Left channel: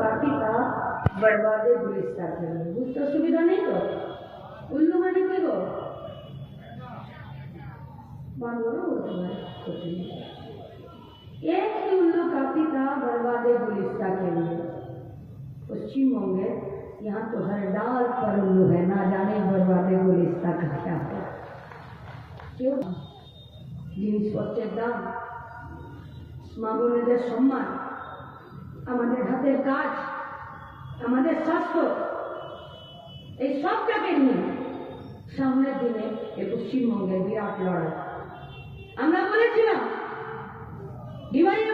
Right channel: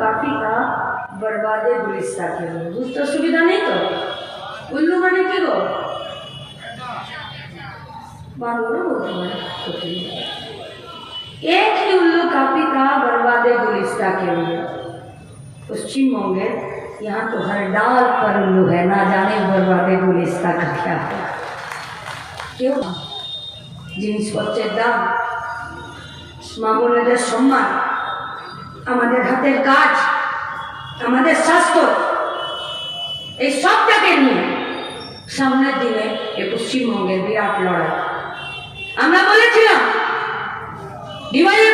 কাফি কা বরবাদে গুলিস্তা কে लिए বুঝতে অসুবিধা নেই তো উল্লু মানে কি গো বাংলা বলতে পারে কঠিন। एक ही उल्लू काफी था बर्बादे गुलिस्ता के लिए पश्चिम बंगे यहाँ तो हर डाल पर उल्लू है ना जाने बर्बादे गुलिस्ता का क्या है কেউ জিনিসপত্রের দাম মামুনেদের সম্মান আমাদের হাতের কাজ, আমাদের স্বাস্থ্য, এই সবটাকে নিয়ে সামনের দিনে এ পশ্চিমবঙ্গের বিরাট লড়াই। আমরা বলেছিলাম ডিভাইডেড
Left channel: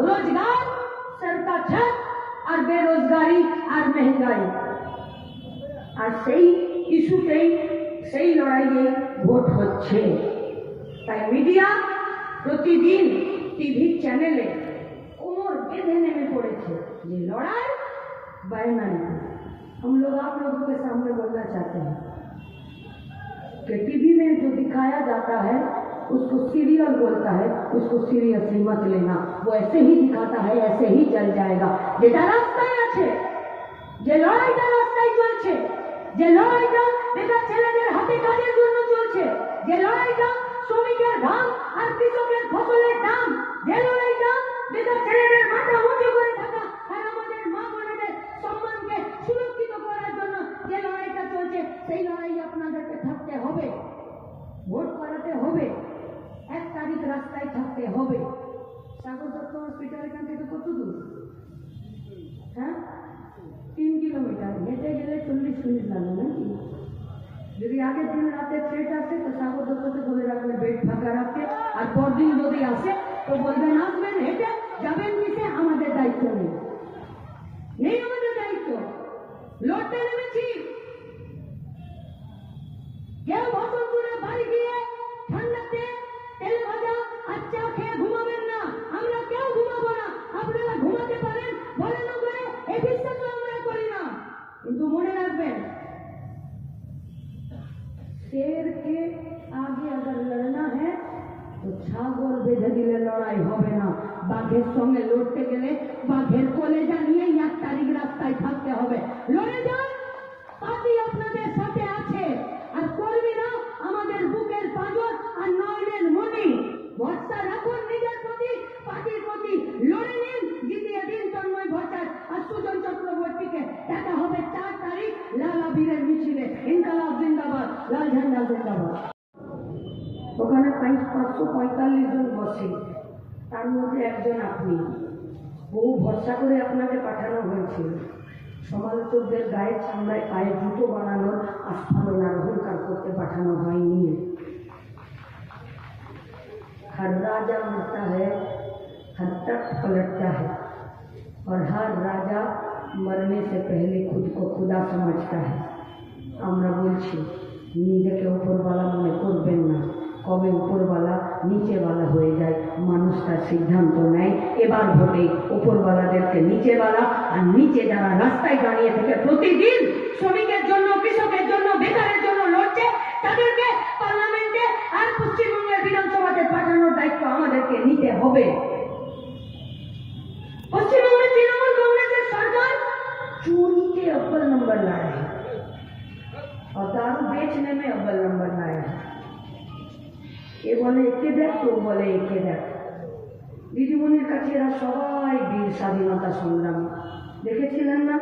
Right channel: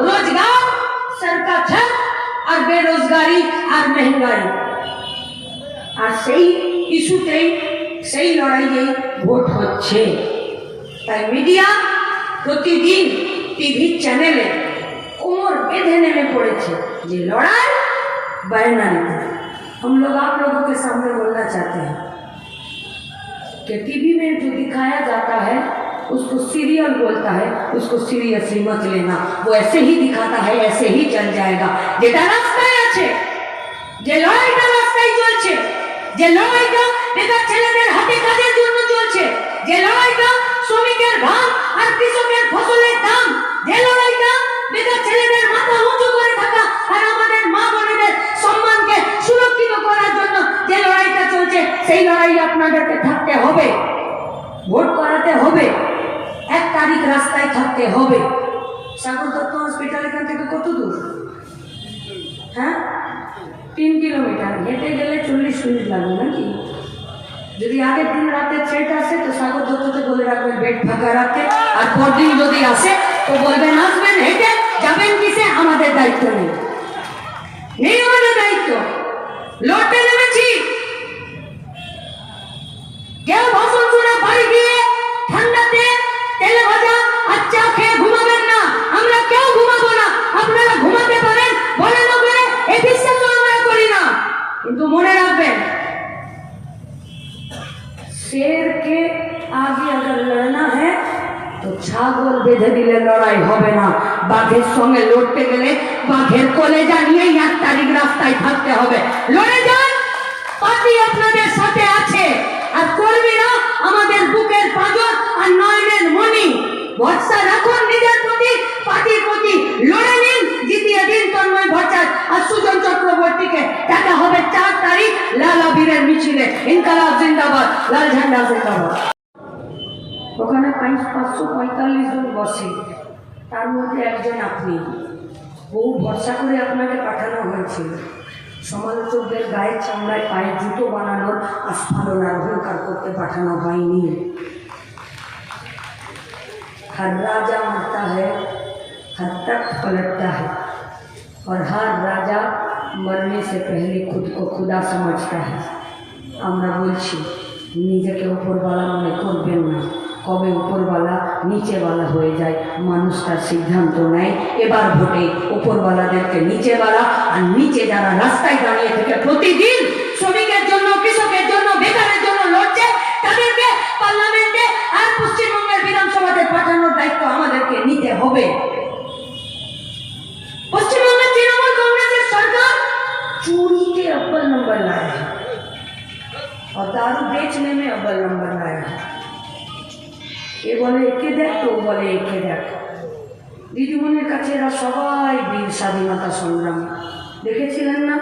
रोजगार सर का छत और बेरोजगारी और महंगाई আর সেই ইস্যুতেই সেই লড়াইয়েই ভোট হচ্ছে তাই মিডিয়া প্রতিদিন টিভি চ্যানেলে কোমর বেঁধে নেমে পড়েছে যে लड़ाई बैनर है हम लोग आप लोगों के सामने बोलना चाहते हैं कि टीवी में जो दिखाया जाता है उसको सीरियल बोलता है उसको सीरियसली मत लेना वो ऐसे ही दिखाता है ऐसे ही चल जाएगा যেটা রাস্তায় আছে যে লড়াইটা রাস্তায় চলছে যে লড়াইটা বেকার ছেলেদের হাতে কাজের জন্য চলছে যে লড়াইটা শ্রমিকের ঘাম আর কৃষকের ফসলের দাম যে লড়াইটা বেকার ছেলেদের মাথা উঁচু করে থাকা আর আমাদের মা বোনেদের সম্মানকে সুরক্ষিত করার জন্য যে লড়াইটা চলছে সেই লড়াই আপনাদেরকে থাকতে হবে ভোট করাতে হবে এক তারিখ রাস্তায় থাকতে হবে। সাগর দত্ত হসপিটাল এখান থেকে কত দূর? হ্যাঁ? তিন কিলোমিটার হেঁটে গেলে চল্লিশ মিনিট লাগবে নাকি? যদি আগের দিন রাতে ট্রেন আসে, তো সাগর দত্তকে বলে রাখবেন বেড ফাঁকা রাখতে। আর পরদিন যদি আসে, তো বলবেন আসবেন হেঁটে যাবেন কিসে? আমাদের দায়িত্ব নেই। মনে রাখবেন शेर के आगे अगर लड़ना है তো ছাগল বেঁধে দিলে লড়াই হবে না বাঘের সঙ্গে লড়তে গেলে বাঘের কলেজা নিয়েই এক তারিখ রাস্তায় থাকতে হবে লড়ে যান পার্টি আপনাদের সাথে আছে আর কর্মীরা আমাদের বুকের পাঁজর আর নয়নের মণি ভরসা রাখুন নিজের প্রতি পার্টির প্রতি লড়ে নিন জিতিয়ে দিন তন্ময় ভট্টাচার্য আর সুজন চক্রবর্তীকে দেখা হবে চার তারিখ লাল আবিরের মিছিলে ইনকালাব জিন্দাবাদ লাল ঝান্ডা জিন্দাবাদ ওখানে পাঁচ পাঁচশো পঁয়তাল্লিশ জন বসে তার মধ্যে একজন আপনি বহু ভরসা করে আপনাকে পাঠানো হয়েছিল সমালোচকদের গায়ের চামড়ায় পায়ে জুতো বানানোর আস্ফালন আর অহংকার করতে পাঠানো হয়নি हर राजा मरता है हर तख्त पलटता है और हर राजा মরনে সে পেলে খুদ কো খুদা সমঝতা আমরা বলছি, নিজেকে উপরওয়ালা মনে করবেন না। কবে উপরওয়ালা নিচেওয়ালা হয়ে যায়, মানুষ তার সিদ্ধান্ত নেয়। এবার ভোটে উপরওয়ালাদেরকে নিচেওয়ালা আর নিচে যারা রাস্তায় দাঁড়িয়ে থেকে প্রতিদিন শ্রমিকের জন্য, কৃষকের জন্য, বেকারের জন্য লড়ছে, তাদেরকে পার্লামেন্টে আর পশ্চিমবঙ্গের বিধানসভাতে পাঠানোর দায়িত্ব আমাদেরকে নিতে হবে। अव्वल नंबर लाया है और दारू बेचने में अव्वल नंबर लाया है এ বলে একে দেখ তো ও বলে একে দেখ দিদিমণির কাছে এরা সবাই বীর স্বাধীনতা সংগ্রামী দেখেছিলেন না